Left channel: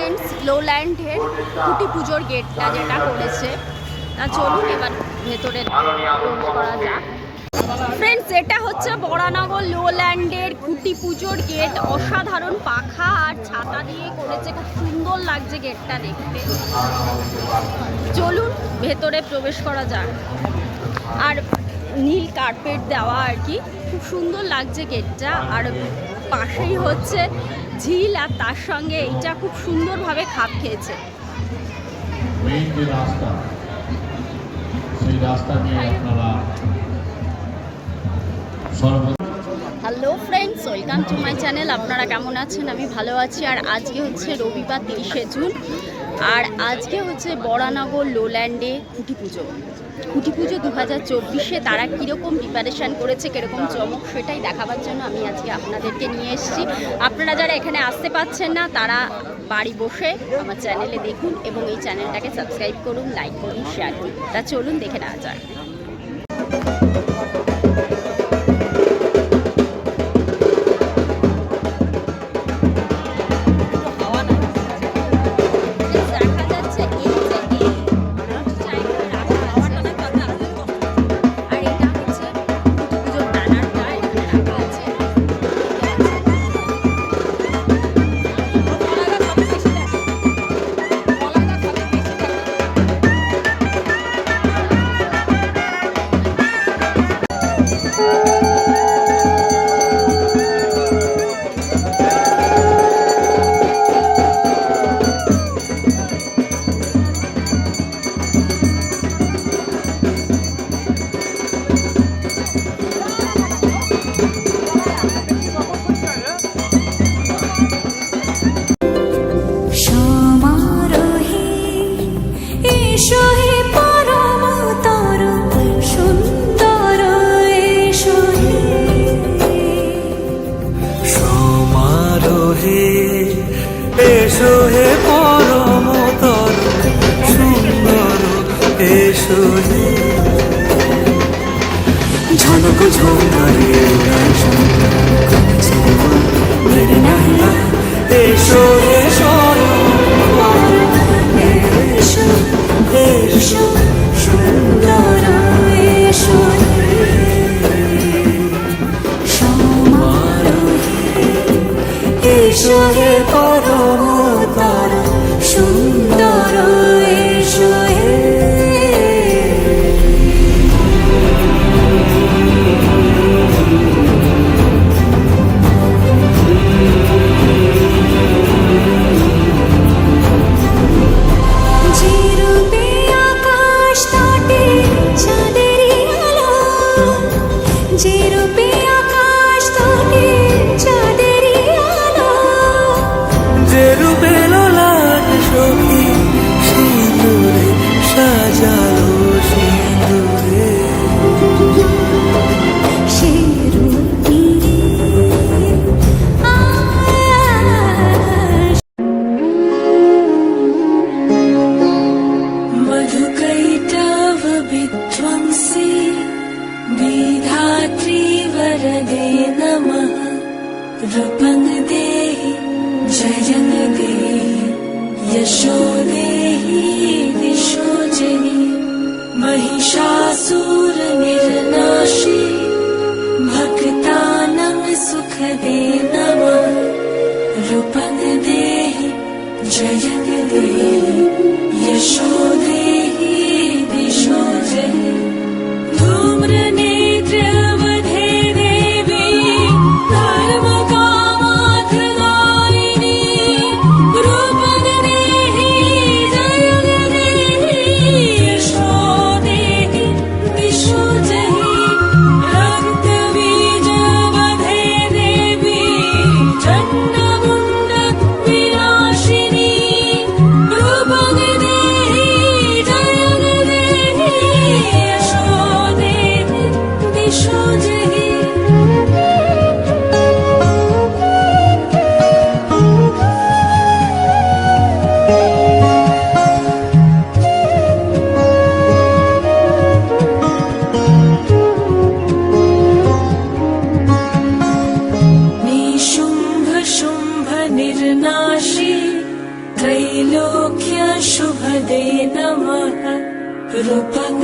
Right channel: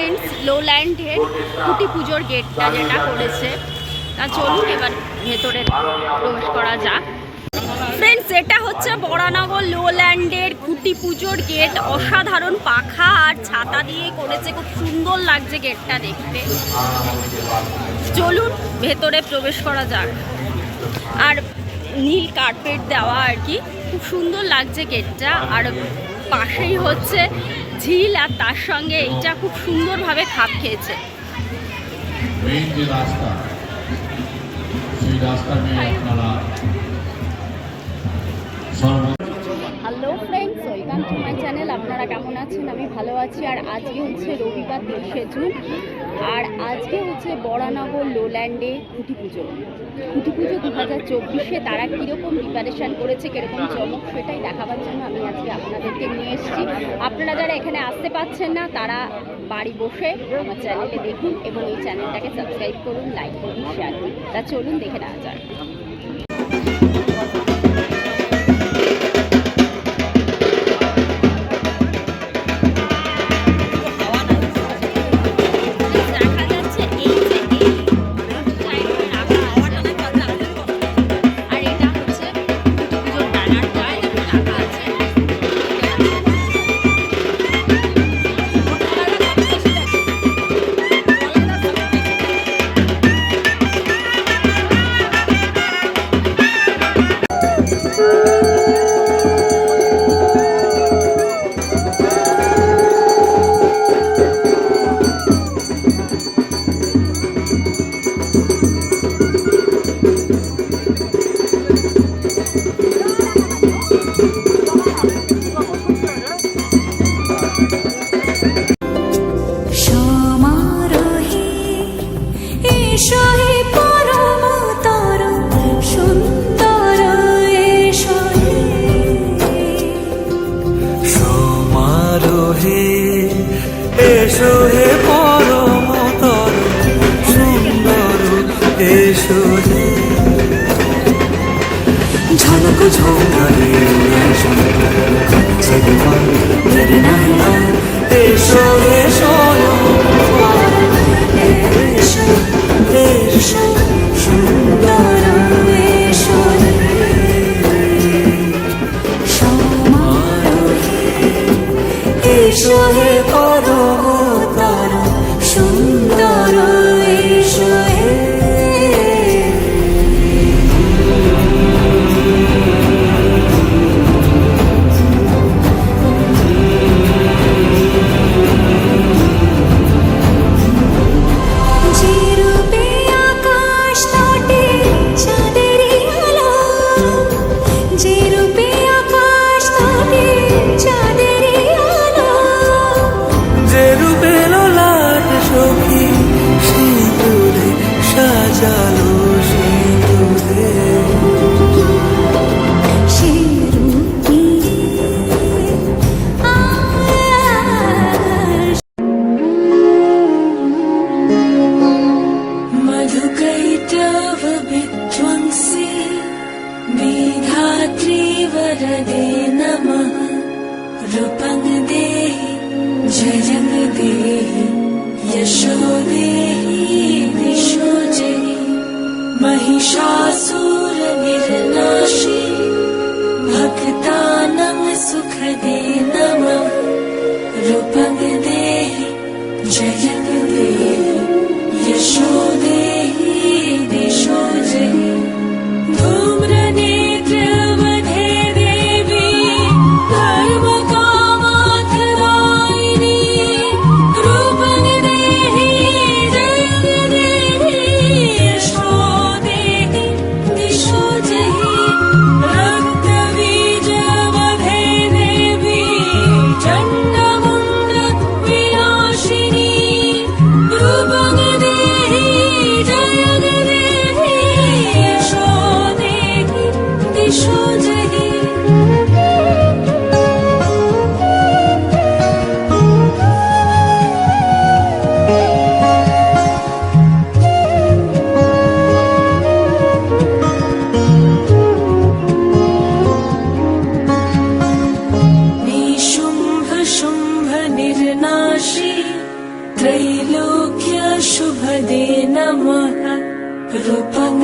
Friends, লোল্যান্ডের খুঁটি পুজোর গেটটা যেটা করেছে, তা চলুন এবার ভেতরে প্রবেশ করা যাক। ফ্রেন্ডস, এটা হচ্ছে বরানগর লোল্যান্ডের খুঁটি পুজোর গেট। অসাধারণ পাখা আর ছাতা দিয়ে করেছে, খুব সুন্দর লাগছে গেটটা দেখতে। চলুন ভেতরে প্রবেশ করা যাক। আর নীল কার্পেট দেওয়া আর কি, খুব সুন্দর লাগছে গেটটা। আর পাশেই হচ্ছে ঝিল, আর তার সঙ্গে এইটা খুব সুন্দরভাবে খাপ খেয়েছে। Hello friends, welcome to my channel. আপনারা কেমন আছেন? আমি ভালো আছি। আর আজকে হচ্ছে রবিবার 23শে জুন, আর আজকে হচ্ছে বরানগর লোল্যান্ডে খুঁটি পুজো 2024-এ। তারা কীরকম প্রিপারেশান করেছে, কীরকম চমক, সেটাই দেখাবার জন্য আমি আজকে আপনাদেরকে নিয়ে এসেছি। আপনারা যারা এখানে আসতে পারছেন না, তারা বাড়ি বসে আমার চ্যানেলে দেখুন এবং এই চ্যানেলটাকে সাবস্ক্রাইব করুন, লাইক করুন, শেয়ার করুন। তা চলুন দেখে নেওয়া যায়। এসো হে পরমতর সুন্দর, এসো হে ঝনক ঝঙ্কারে উড়ায় শঙ্কর, কমেছে বিমান দেরি নাহি আর। এসো হে স্বয়ং, এসো এসো সুন্দর, এসো হে সমারোহে। এসো হে পরমতর সুন্দর, এসো হে যে রূপে আকাশ তটে চাঁদেরই আলো, যে রূপে আকাশ তটে চাঁদেরই আলো, যে রূপে লোলাট সখী সিঁদুরে সাজালো সিঁদুরে, সে রূপী Chanda Munda Virashini शुभ दे नमः रूपं